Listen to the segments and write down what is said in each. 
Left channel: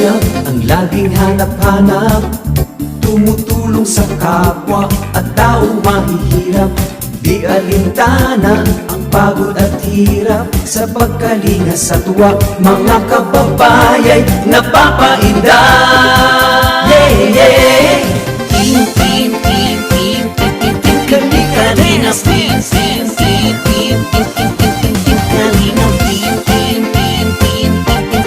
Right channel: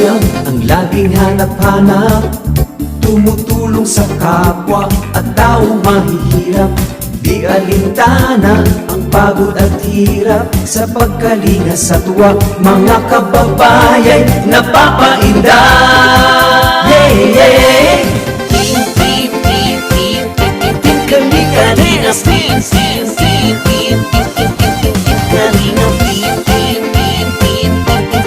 kalingap ang laging hanap-hanap, tumutulong sa kapwa at taong mahihirap. Di alintana ang pagod at hirap, sa pagkalinga sa tuwa, mga kababayay napapainda. Yeah, yeah. Team, team, team, team, team, team, Kalinga Kalinga, team, team, team, team, team, team, Kalinga, team, team, team, team,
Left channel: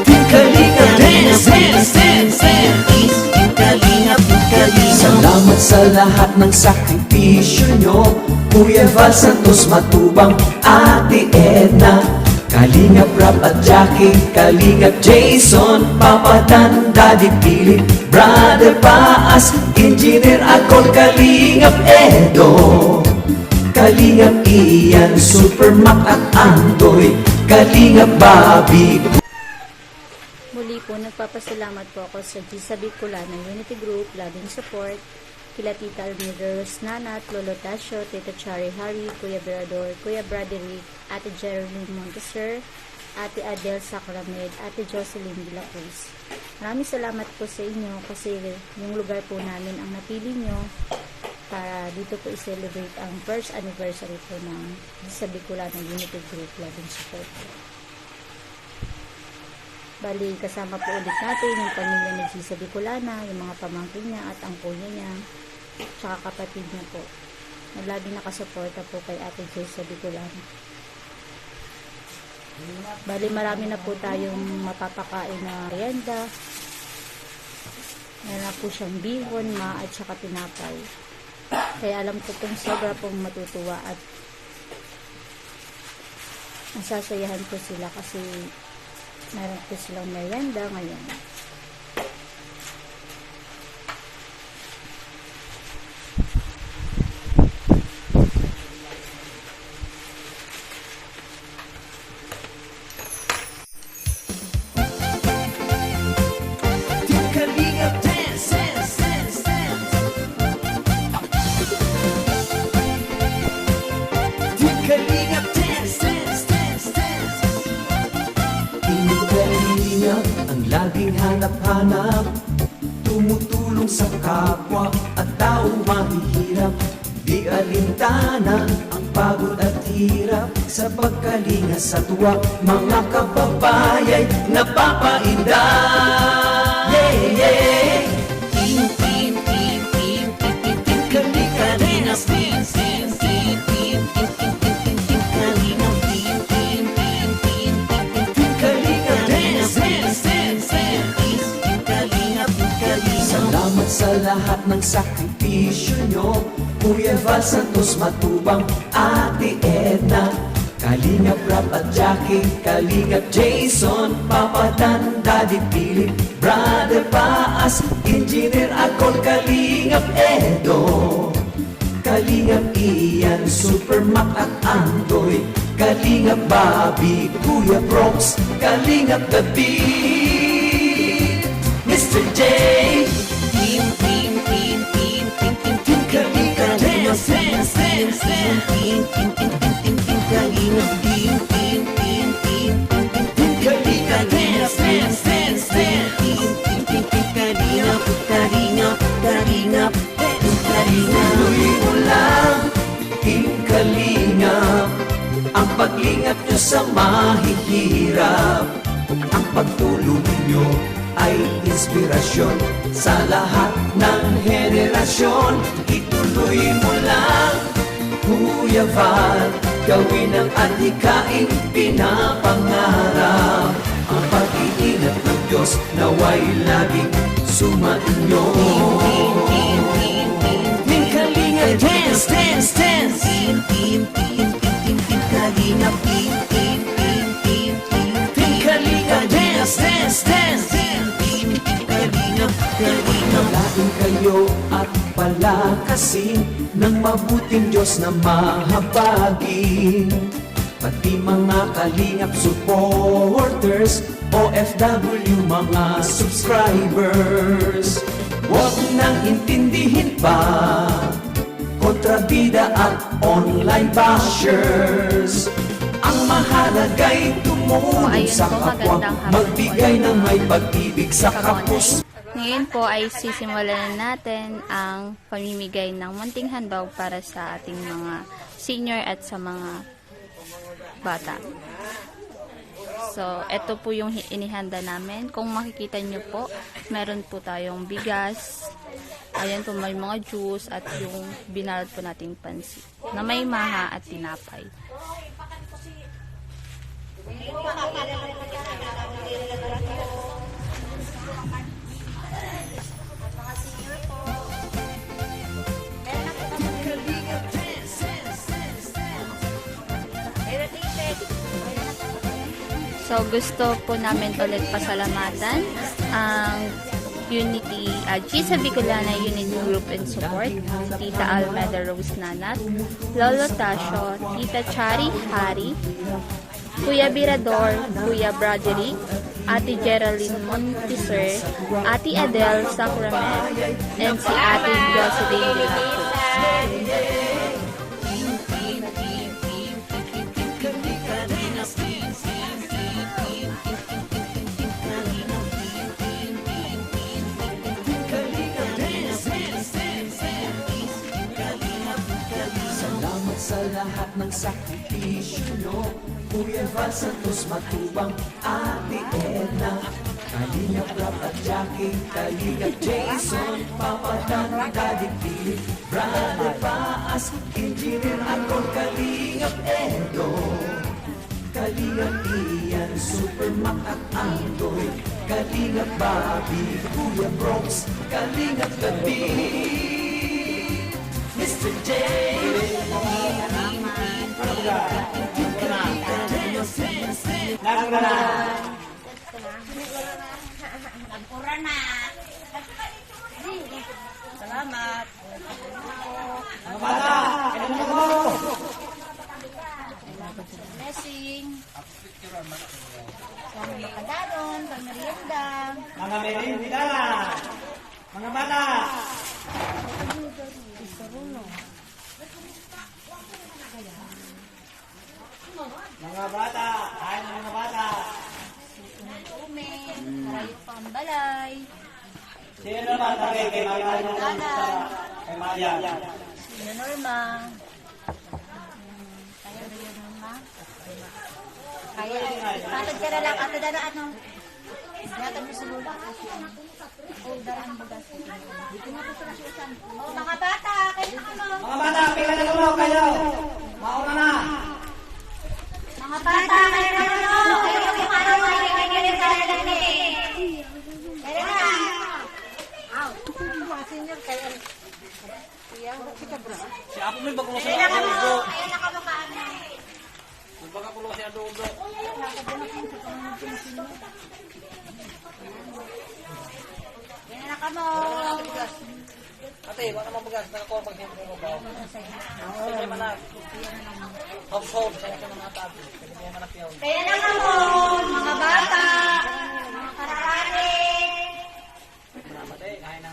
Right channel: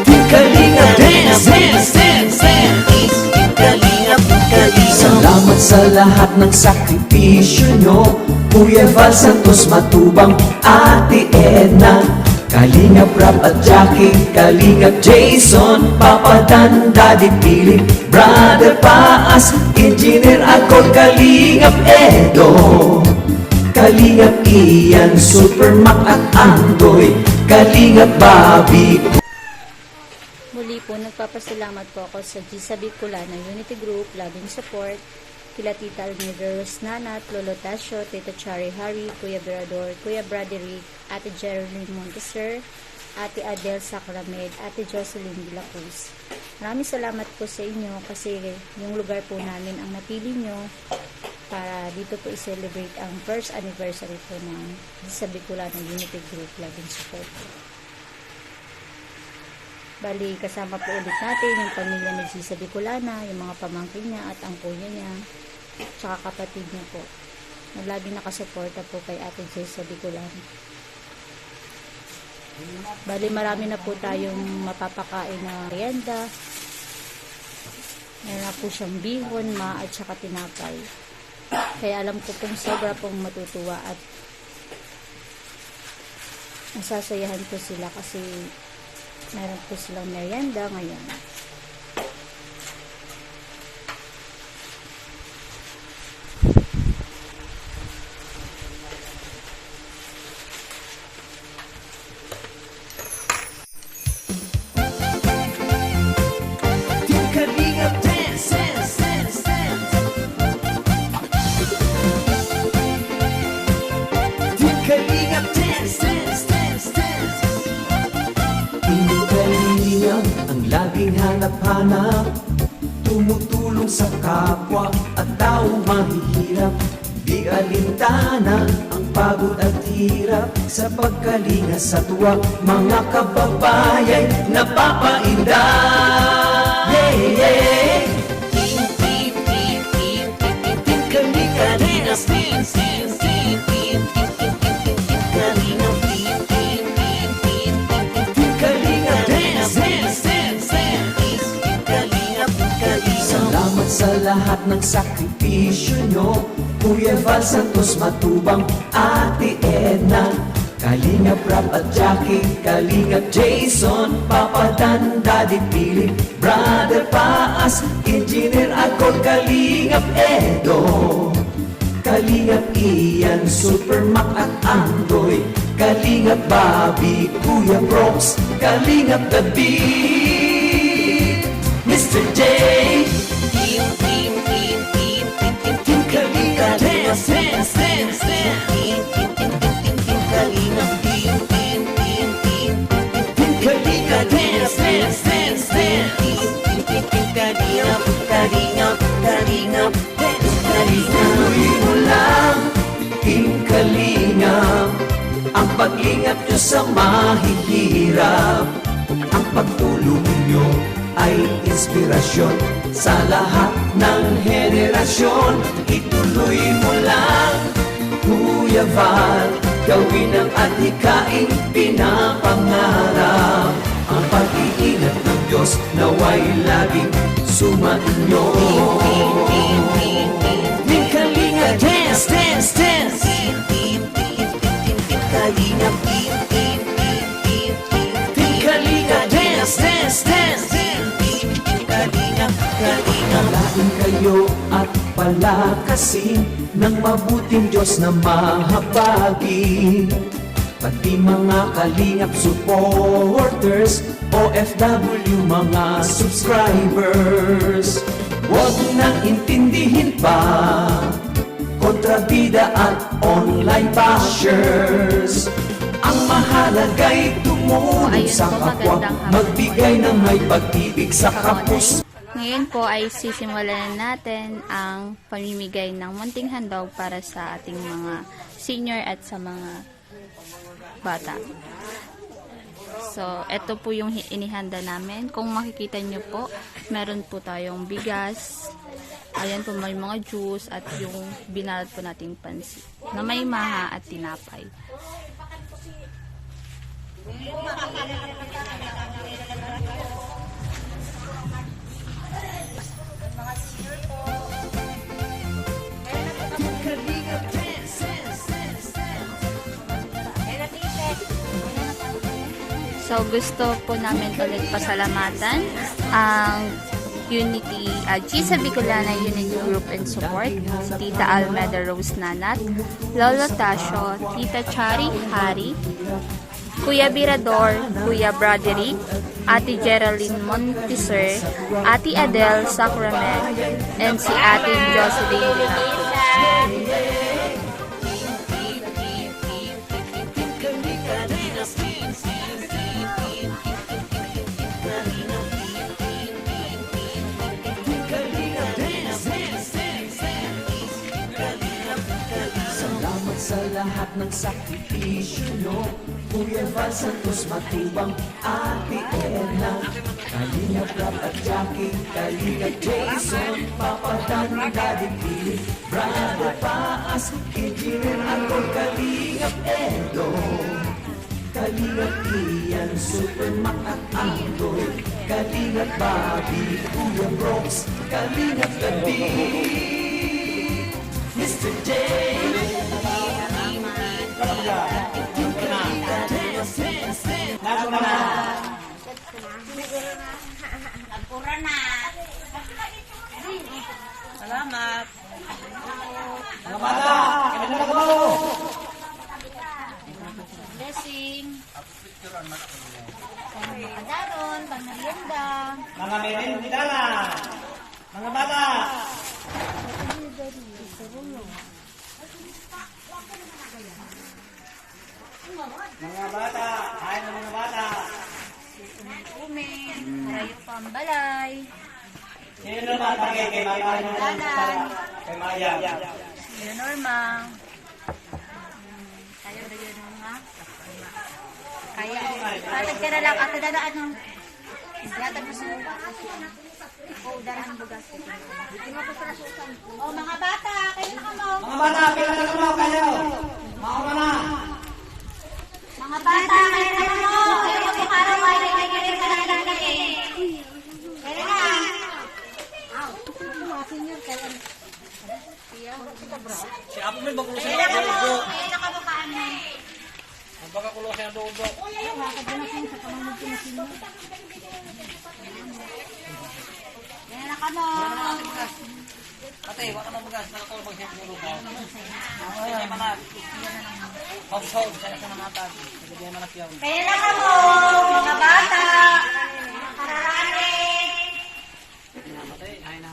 Team Kalinga Kalinga, Dance, team, dance, team, team, team, Kalinga, Kalinga. Salamat sa lahat ng sakripisyo nyo, Kuya Val Santos Matubang, Ate Edna, Kalingap Rap at Jackie, Kalingap Jason, Papa Dan, Daddy Philip, Brother Paas, Engineer Akol, Kalingap Edo, Kalingap Ian, Super Mac at Andoy, Kalingap Bobby. Muli po, nagpapasalamat po ako sa Gisa Bicolana Unity Group, laging support, kila Tita Almira Rosnanat, Lolo Tasio, Tita Chari Hari, Kuya Berador, Kuya Braderick, Ate Geraldine Monteser, Ate Adele Sacramed, Ate Jocelyn de la Cruz. Maraming salamat po sa inyo kasi yung lugar po namin ang napili nyo para dito po i-celebrate ang first anniversary po ng Gisa Bicolana Unity Group, laging support po. Bali, kasama po ulit natin yung pamilya ni Gisa Bicolana, yung mga pamangkin niya at ang kuya niya, saka kapatid niya po, na lagi nakasuporta po kay Ate Gisa Bicolana. Bali, marami na po tayong mapapakain na merienda. Meron na po siyang bihon, at saka tinapay. Kaya alam ko pong sobra pong matutuwa at nasasayahan po sila kasi meron po silang merienda ngayon. Team Kalingap Dance, dance, dance, dance. Team Kalingap Dance, dance, dance, dance. Team Kalingap ang laging hanap-hanap, tumutulong sa kapwa at taong mahihirap. Di alintana ang pagod at hirap, sa pagkalinga sa tuwa, mga kababayay napapainda. Yeah, yeah. Team, team, team, team, team, team, Kalinga Kalinga, Dance, team, team, team, team, team, Kalinga, team, team, team, team, Team Kalinga Dance, dance, dance, dance. Kalinga, Kalinga. Salamat sa lahat ng sakripisyo nyo, Kuya Val Santos Matubang, Ate Edna, Kalingap Rap at Jackie, Kalingap Jason, Papa Dan, Daddy Philip, Brother Paas, Engineer Akol, Kalingap Edo, Kalingap Ian, Super Mac at Andoy, Kalingap Bobby, Kuya Brooks, Kalingap Gabi, Mr. J. Team, team, team, team, team, Team Kalinga Dance, dance, dance, dance. team, team, team, team, Kalinga, team, team, team, team, Team Kalinga Dance, dance, dance, dance. team, team, team, Kalinga, Kalinga, Kalinga, Kalinga. Tuloy mo lang, Team Kalingap, ang paglingap nyo sa mahihirap. Ang pagtulong nyo ay inspirasyon sa lahat ng henerasyon. Ituloy mo lang, Kuya Val, gawin ang adhikaing pinapangarap. Ang pag-iingat ng Diyos naway laging sumainyo. Team Kalinga Dance, dance, dance. Kalinga, Team Kalinga Dance, dance, dance. Kalinga, Kalinga. Palain kayo at palakasin ng mabuting Diyos na mahabagin. Pati mga Kalingap supporters, OFW mga subscribers, huwag nang intindihin pa kontrabida at online bashers. Ang mahalaga'y tumulong sa kapwa, magbigay ng may pag-ibig sa kapus. Ngayon po ay sisimulan natin ang pamimigay ng munting handog para sa ating mga senior at sa mga bata. So, ito po yung inihanda namin. Kung makikita nyo po, meron po tayong bigas. Ayan po, may mga juice at yung binalot po nating pansit na may maha at tinapay. So, gusto po namin ulit pasalamatan ang Unity, Gisa Bicolana Unity Group and Support, Tita Almeda Rose Nanat, Lolo Tasio, Tita Chari Hari, Kuya Birador, Kuya Broderick, Ate Geraldine Montiser, Ate Adele Sacrament, and si Ate Jocelyn Linaco. Salamat sa lahat ng sakripisyo nyo, Kuya Val Santos Matubang, Ate Edna, Kalingap Rap at Jackie, Kalingap Jason, Papa Dan, Daddy Pili, Brother Paas, Engineer Angkol, Kalingap Edo, Kalingap Ian, Super Mac at Angkol, Kalingap Bobby, Kuya Brooks, Kalingap Gabi, Mr. J. Salamat. Blessing. Kung makadaron, pang merienda. Mga merienda, mga bata. Mga bata, kain ng mga bata. Umen, harayo pambalay. Sino naman kay Maya? Kay Maya. Sino Norma? Kaya ba yun Norma? Kaya, patag ka na lang. Ato na ano? Yatag mo sa lula. O, darang bugas. O, mga bata, kayo na kamo. Mga bata, kailan na kayo kayo? Mauna na. Mga bata, kayo na kamo. Kayo na kamo. Para kayo na Kaya na. Mga senior kayo. Si Apo may bagulo sa Kaya na kamo. dugo. Kaya na kamo kaano. Kung baka kulo siya ang dugo. Kaya na kamo. Ate, wala naman bagas. Nakakuha pag siya ang dugo ba? Kaya manat. Household, kaya siya mga tagi. Kaya manat yaw. Kaya na kamo. Mga bata. Mga kararating. Ate, kain na.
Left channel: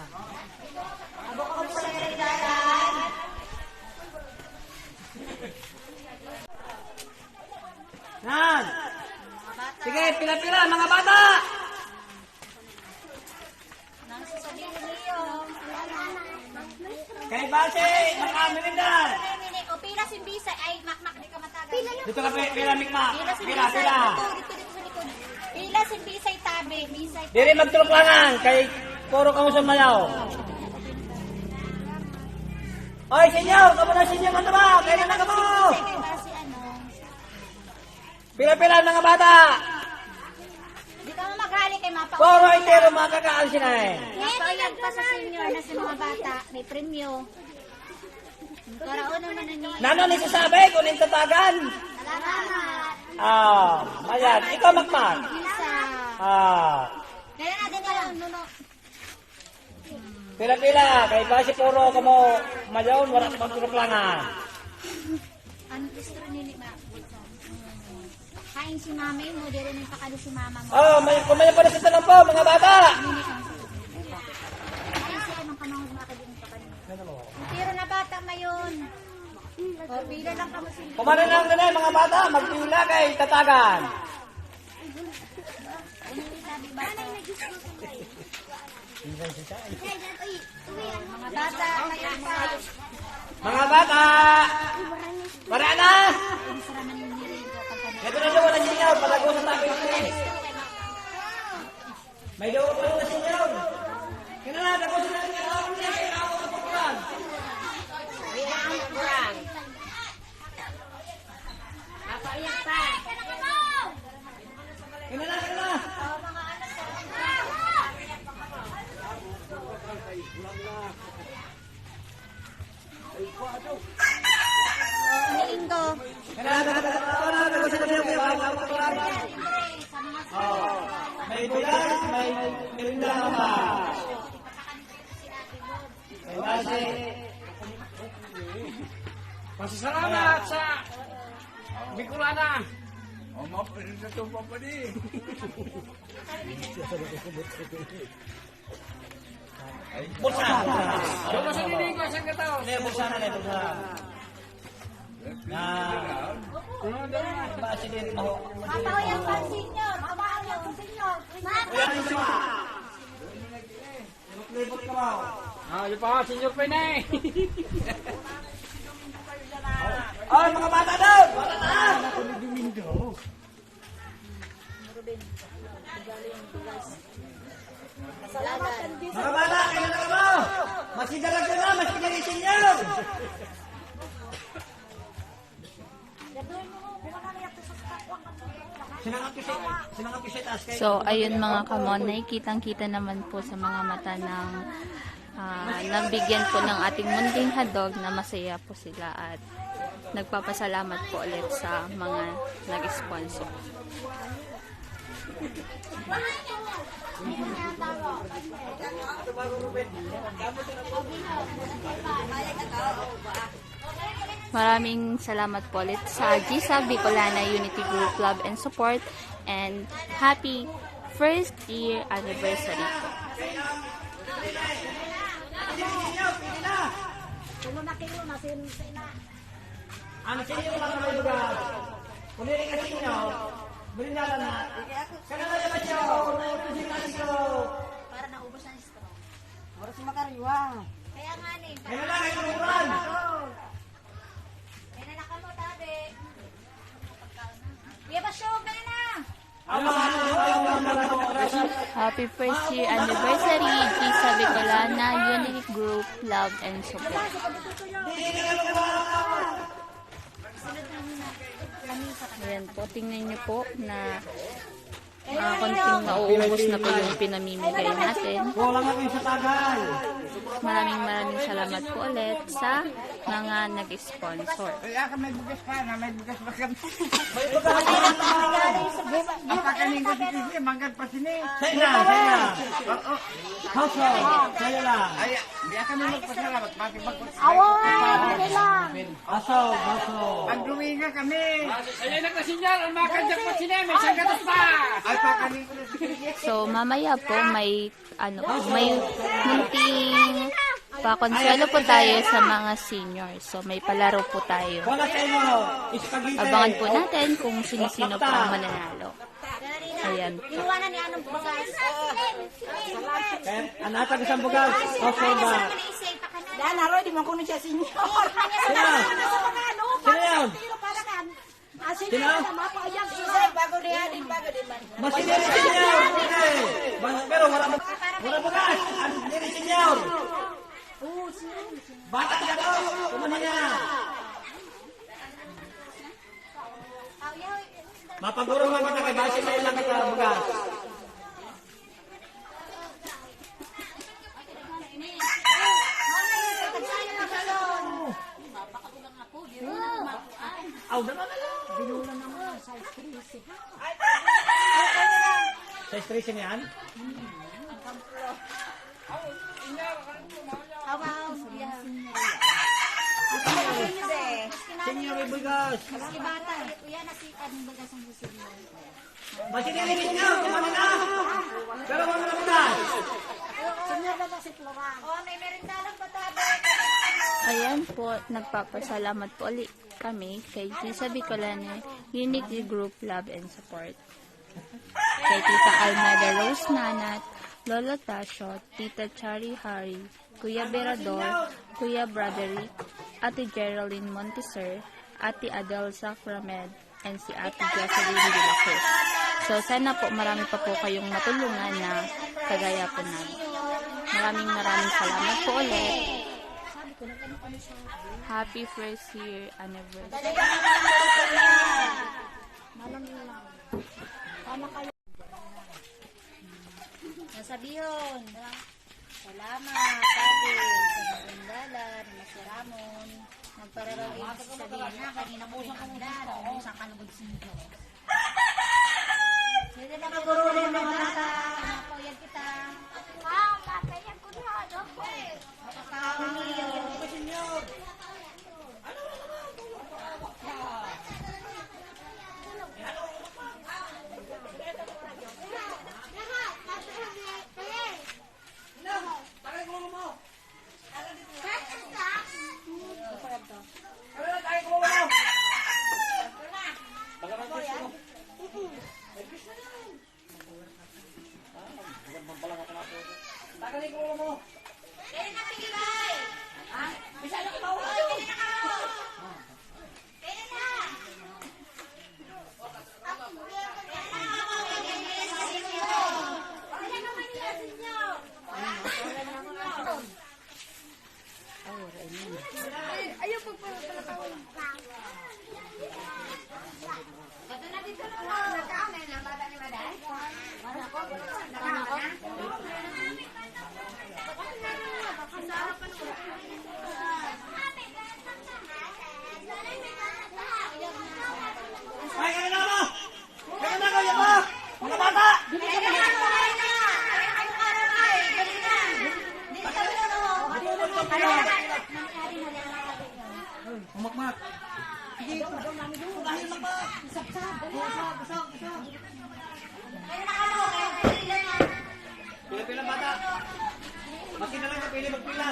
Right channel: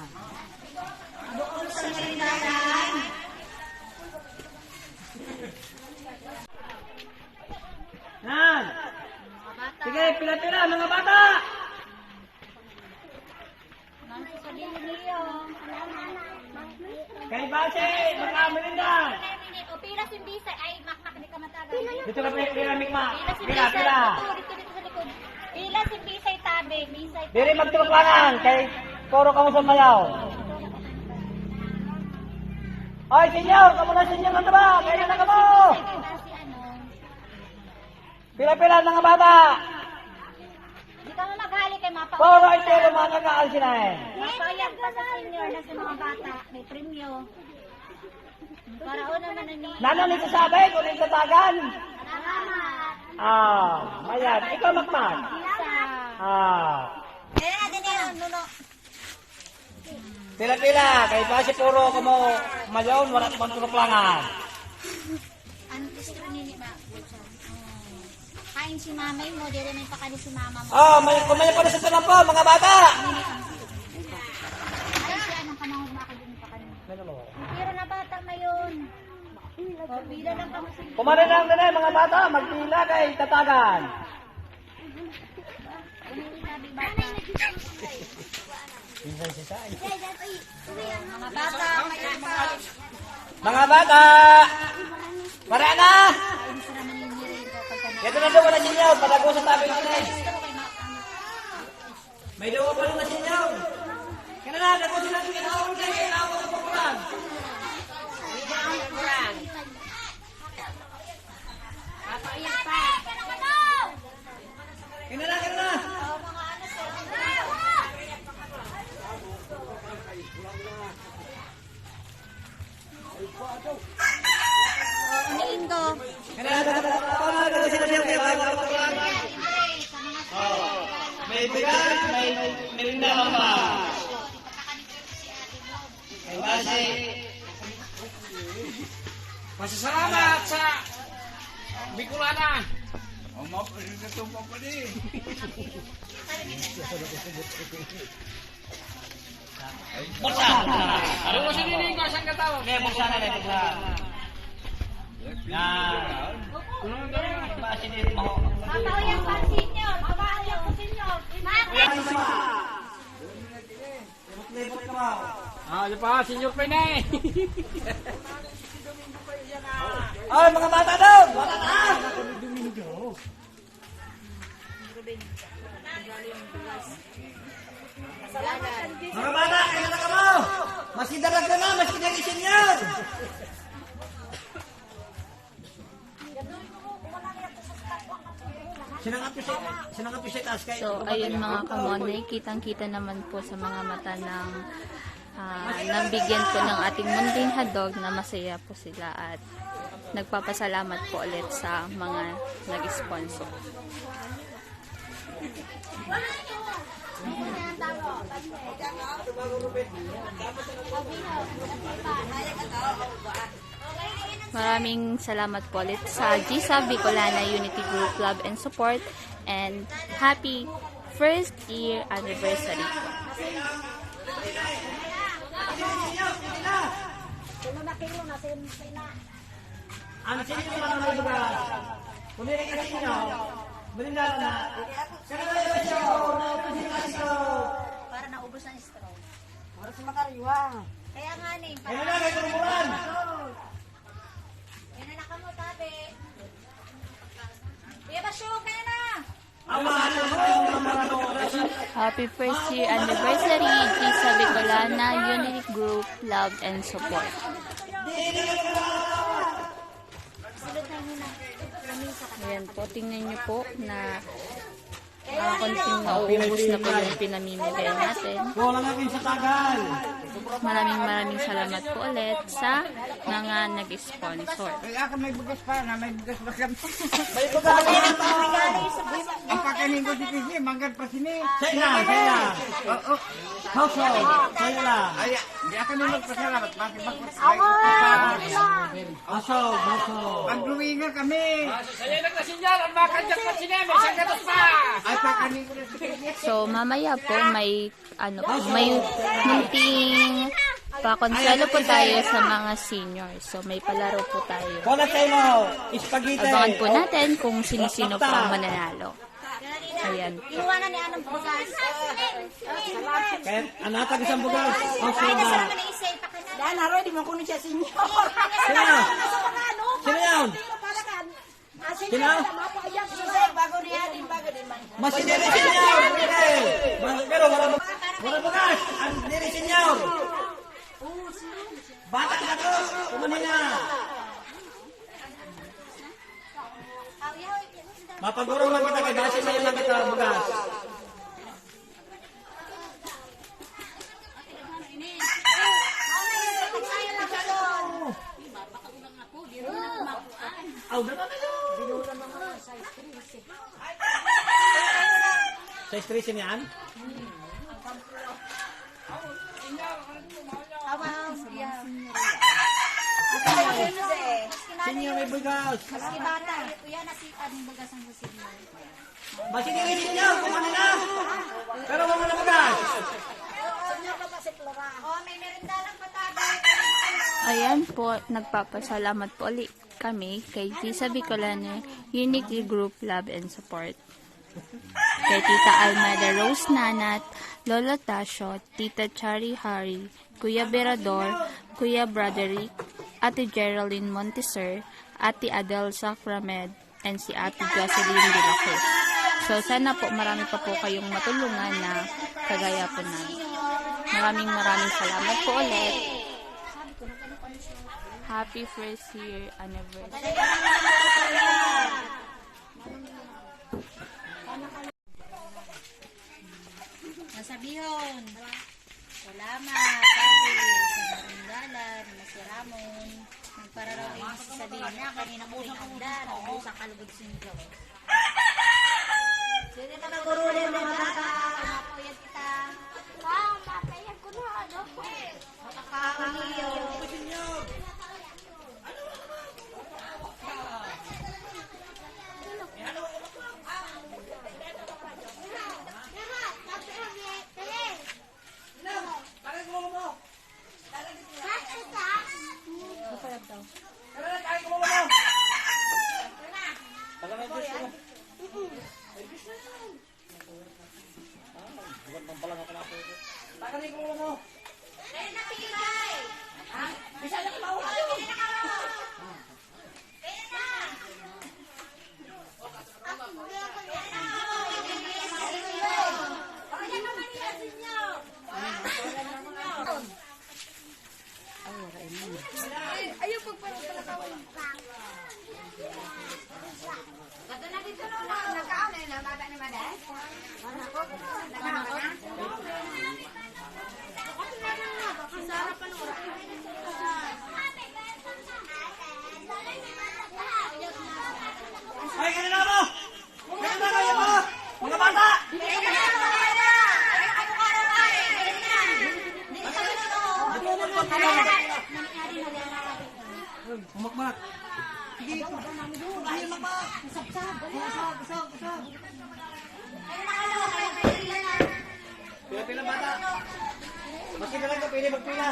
Abok ko sa merindahan. Yan! Sige, pila-pila mga bata! Nang sasabihin niyo. Kay Base, mga merinda! O pila si Bisa. Ay, makmak, di ka matagal. Dito ka pila, Mikma. Pila si Pila, Bisa. pila. Dito sa likod. Pila si Bisa tabi. Bisa Diri magtuluklangan, kay puro ka mo sa mayaw. Oy, senyor! Kamu na senyor man ba? Kailan na kamo? si ano. Pila-pila mga bata! Di ka mo maghali kay mapa. Puro itero mga kakaal sinay. Mapayag pa sa senior na sa mga bata. May premyo. Karaon naman na ni. Nano ni sasabi kung yung tatagan? Salamat. Mayan. Ikaw magmag. Isa. Kaya natin yan, Nuno. Pila-pila, kay Base puro ka mo mayaw, wala ka pang tuluklangan. Ang gusto nili ba? Kain si mamay mo, dito may pakali si mama mo. Kumaya pa na sa tanong po, mga bata! Ay, si anong panahon ba ako din pakali? Pero na bata ngayon. O, pila lang kamo sila. Kumana lang na mga bata, magpila kay tatagan. Mga bata! Para na! Ito na doon, wala sinyaw. Patago sa tabi nyo. May doon pa rin na sinyaw. Kaya na, dago sa natin. Kailangan niya. Kailangan sa pupulan. Kaya na, kaya na. May bigas, may melindahan pa. May base. Pasasalamat sa Bicolana. Bulsa. Ano mo sa niling ko sa kataw? Okay, bulsa na rin, bulsa. Yan. Base din mo. Libot ka mo. Ah, yung pa, sinyo pa na eh. Oh, mga bata doon! Wala na! Mga bata, kaya na ka mo! Mas idalag ka na, mas kinalisin yun! Sinang appreciate us kayo. So, ayun mga kamonay, kitang-kita naman po sa mga mata ng nabigyan po ng ating munting hadog na masaya po sila at nagpapasalamat po ulit sa mga nag-sponsor. Maraming salamat po ulit sa GSA Bicolana Unity Group Love and Support and happy first year anniversary po. Ano sino yung mga mga lugar? Kung hindi ka sino, brinda na. Kaya na yung sino, Para naubos ang straw. Oras na makariwa. Kaya nga ni, Kaya na, may kumukulan. yan na nakamo tabi. Kuya Basyo, kaya na! Happy first year anniversary GSA Bicolana Unity Group Love and Support. Ayan po, tingnan nyo po na konting nauubos na po yung pinamimigay natin. Wala nga kayo sa tagal. Maraming salamat po ulit sa mga nag-sponsor. Kaya ka may bugas ka na, may bugas ba lang. May pagkakas Ang kakanin ko si Kisi, manggat pa sini. Sa'yo na. Household. Sa'yo lang. Ay, hindi ako may magpasalamat. Pati Household. Pag luminga kami. Ayan ang kasinyal, ang makadyak pa sini, may isang gatas pa. Ay, kakanin ko na si Kisi. So mamaya po may munting pakonselo po tayo sa mga seniors. So may palaro po tayo. Wala sa'yo. Spaghetti. Abangan po natin kung sino-sino po ang mananalo. Ayan po. Iwanan ni anong bukas. Kaya anatag isang bugas. Household na. Isay pa ka na. Yan, haro, di mo kunin siya sinyo. Sino? Sino yun? Sino? Mas hindi rin sinyaw. Pero wala bugas. Hindi rin sinyaw. Bata ka to. Kumanin na. Mapaguro lang kita kay Basi sa'yo lang kita bugas. Aw, gano'n na yun. Binulo na nga, size 3. Size 3 sinihan? Senior may bugas. Basi hindi rin senior. Kumanin na. Pero wala na bugas. May merindalang patabi. Ayan po, nagpapasalamat po ulit kami kay GSA Bicolana Unity Group Love and Support. kay Tita Almeda Rose Nanat, Lolo Tasho, Tita Chari Hari, Kuya Berador, Kuya Broderick, Ate Geraldine Monteser, Ate Adele Sacramed, and si Ate Jocelyn de la Cruz. So, sana po marami pa po kayong matulungan na kagaya po namin. Maraming salamat po ulit. Happy first year anniversary. Nasabihon. Salamat, sabi sa Marindalan, Masiramon. Magpararaw yung pagsasabihin niya, kanina po yung hagdan, sa kalugod sinjo. Hindi na magurulong mga bata, mapoyan kita. Matayan ko na, ano po? Makakauliyo. Ay, kaya na mo! Kaya na mo, mga bata! Umakmak! Pila-pila bata! Makina lang ka, pwede magpila!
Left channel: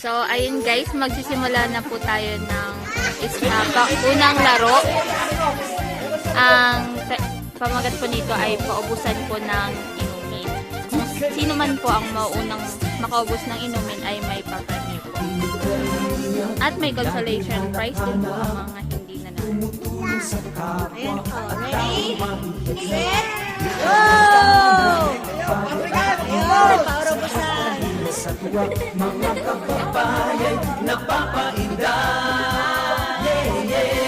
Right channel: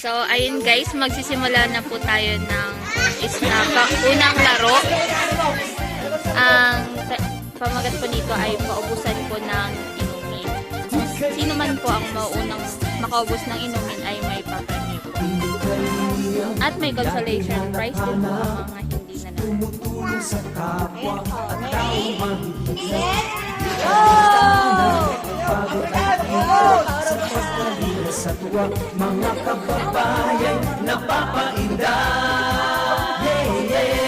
So, ayun guys, magsisimula na po tayo ng unang laro. Ang pamagat po nito ay paubusan po ng inumin. Kung sino man po ang maunang makaubos ng inumin ay may papremyo po. At may consolation prize din po ang mga hindi na Tumutulong sa kapwa at tao mahihirap. Pagod at hirap sa pagkalina sa tuwa, mga kababayan napapainda. Yeah, yeah.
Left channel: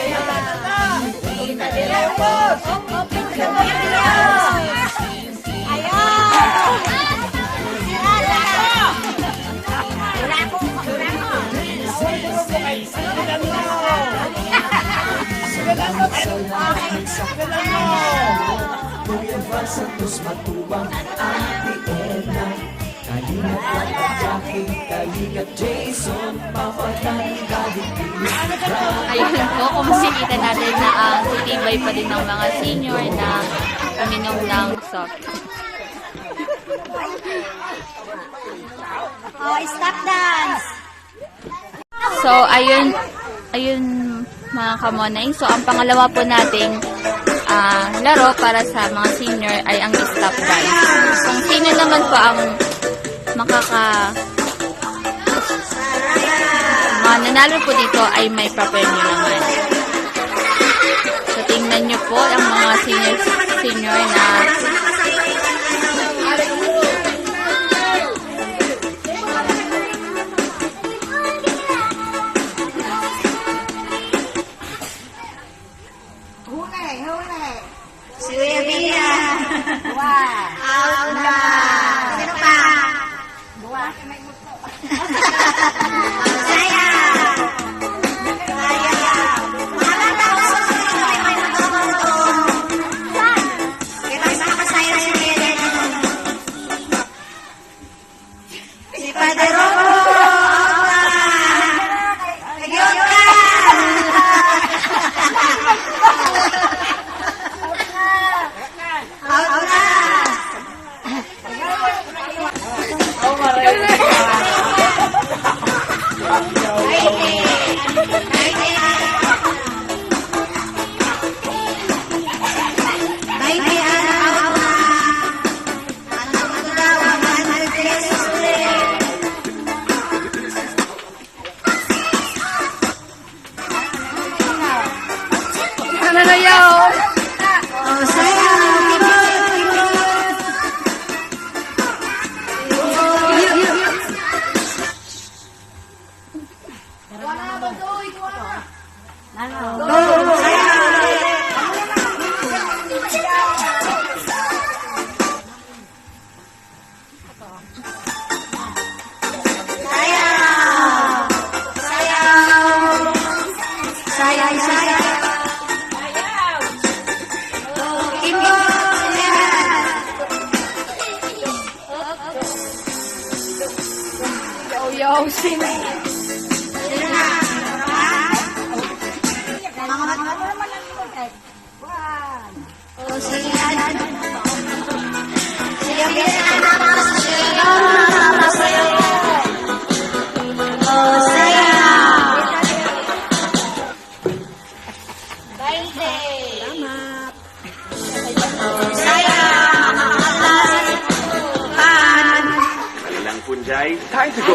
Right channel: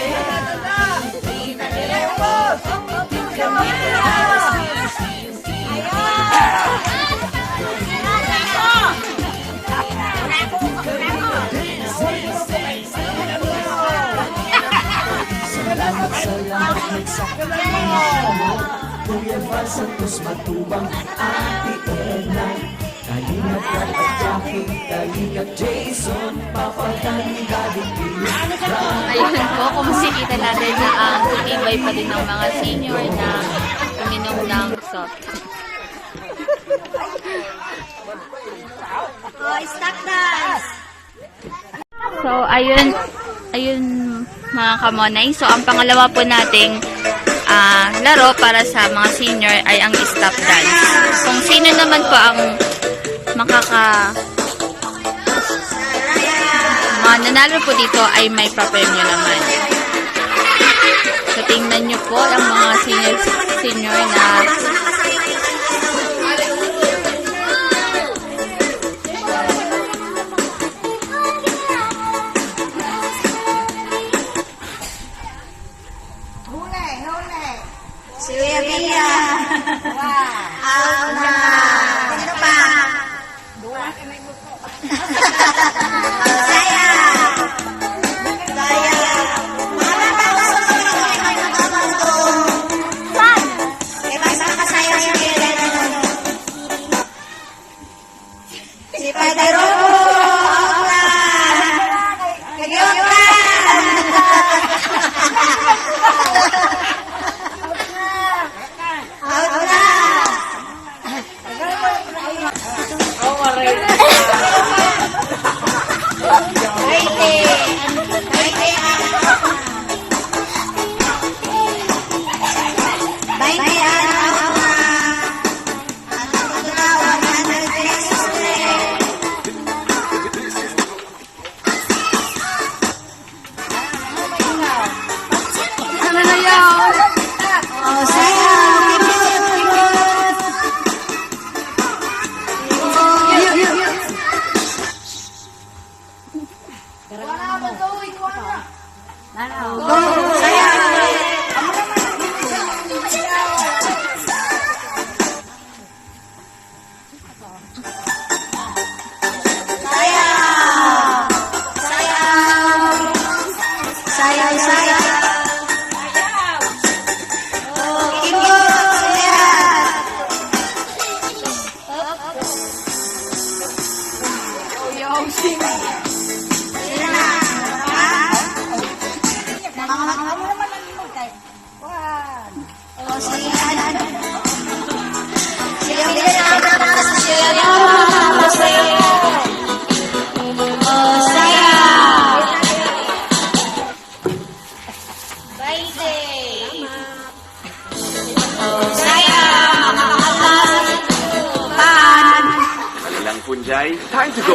Salamat ng sakripisyo, Kuya Val Santos Matubang, Ate Edna, Kalingap Rap at Jackie, Kalingap Jason, Papa Dan, Daddy Pino. Ayun po, kung makikita natin na ang titibay pa rin ng mga senior na uminom ng soft. Stop dance! So, ayun mga kamonay. So, ang pangalawa po nating laro para sa mga senior ay ang stop dance. Kung sino naman po ang mananalo po dito ay may papremyo naman. So, tingnan nyo po ang mga senior na Suya Bia! Out na! Sino pa? Malalang punjay, time to go.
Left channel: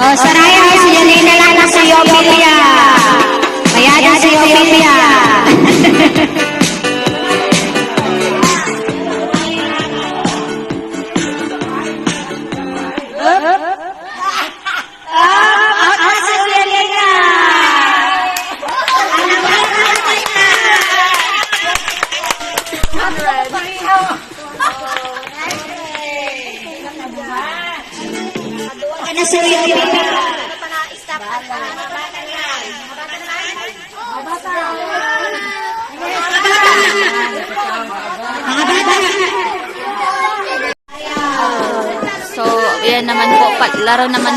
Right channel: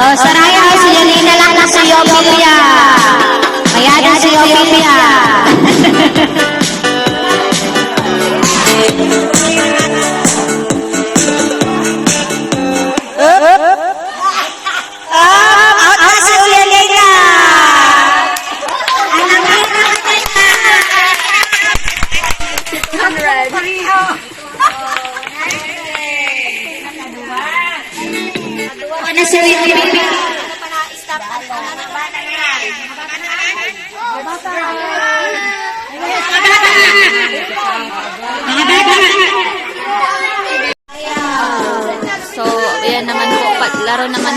Oh, Saraya, siyempre na lang sa Ethiopia. Kaya na sa Ethiopia. So, ayan naman po, laro naman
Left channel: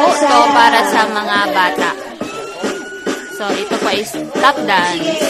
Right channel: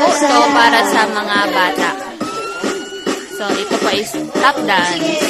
po to para sa mga bata. So, ito po is tap dance.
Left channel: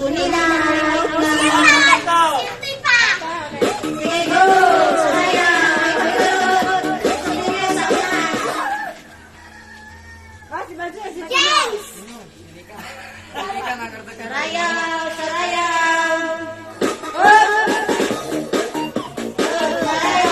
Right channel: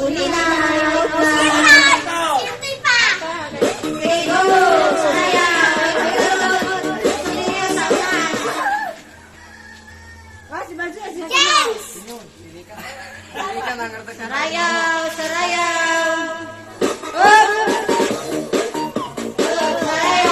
Kulina, out na. Sige, go. Yes! Sarayaw, sarayaw. Sarayaw,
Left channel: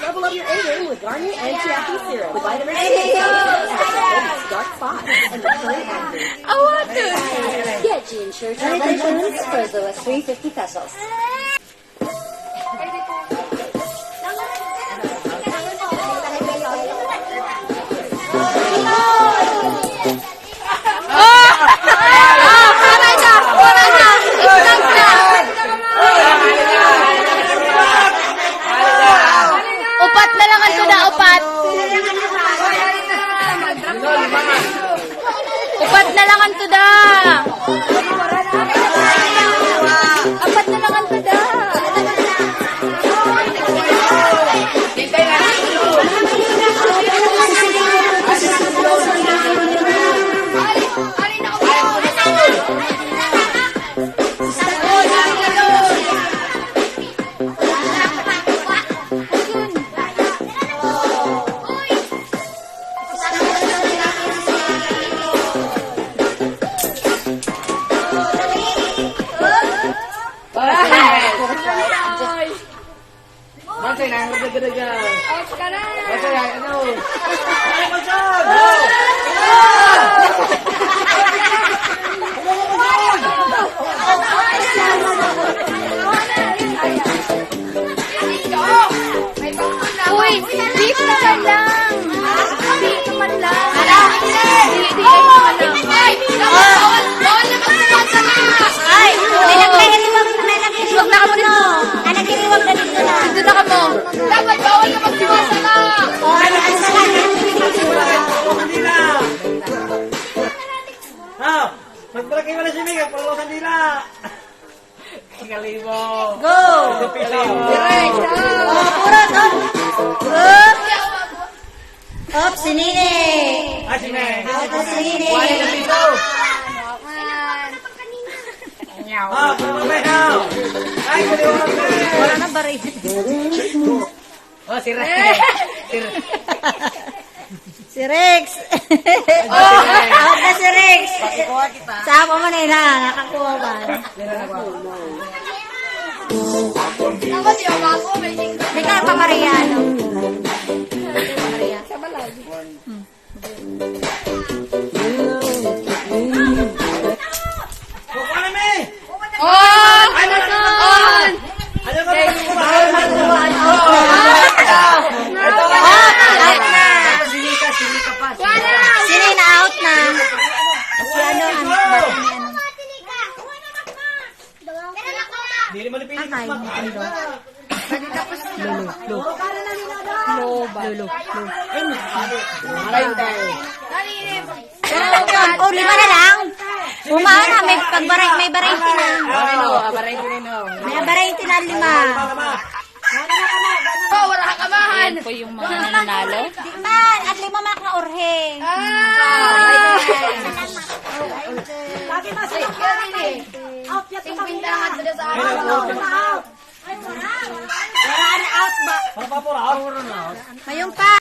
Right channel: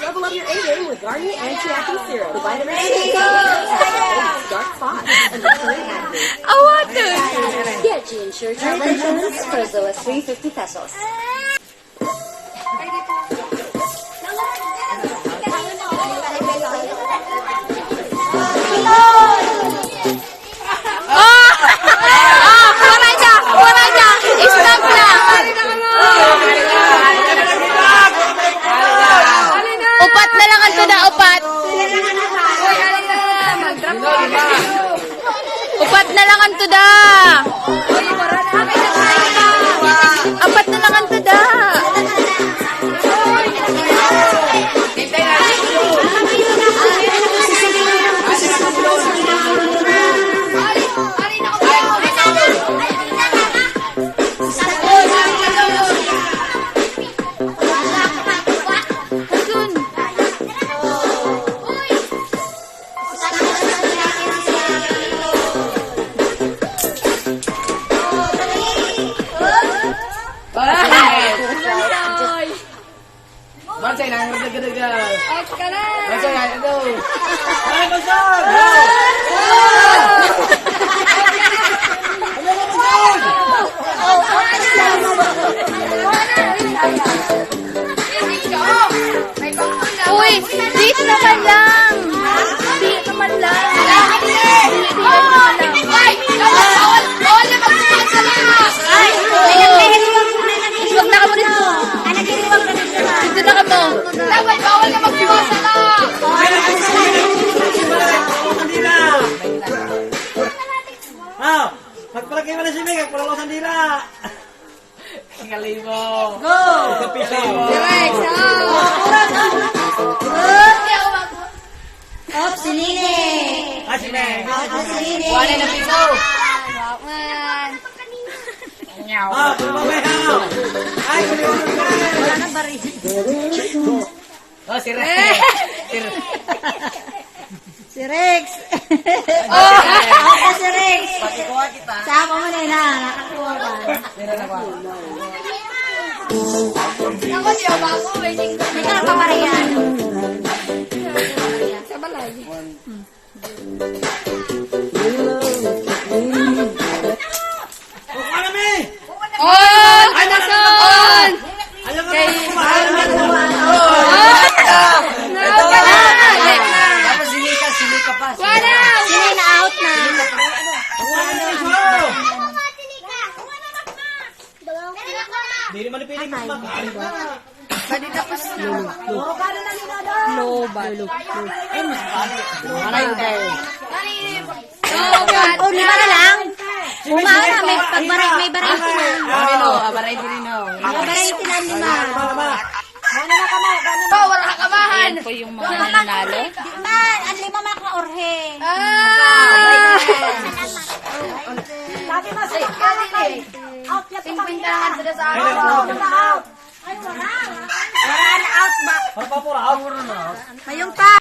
Level up your A-game with Garnier Anti-Acne Serum. The vitamin C dark spots and return acne. I want to. Get G-Insure Interventions for as low as 350 pesos. Upat na lang ang tuda, upat. Upat na lang ang tuda. Upat na lang ang tuda. Uy, dito naman lang. Dito naman lang. Dito naman lang. Bawal na magpapasa na. Huwag na ka mo dito. Dito na ka mo. Dapat bawal na magpapasa na. Now, magpalaki mo na si Mega, palawasan dila. Galing mo. Go! Direct! Up, sinige! Ah, sine. Up, sinige! Ah, pabay now. Ay, oh, si Rex. Si Rex! Oh! Ako ka si Rex! Pakikuha kita. Saan mo man na, nakakuha ka. Ako siya, bago. May ka pa Marian. Sa balay. Kuha na, me. Oh! Ano son? Ayaw ka Sini na out na. Hindi naman pilit. O, 5 na lang. Umana na, may pag-variety, may variety na. May variety na 5. Ayan po yung mga nananalo. Man, at 5 mga ka-orhe. Mayroon pa.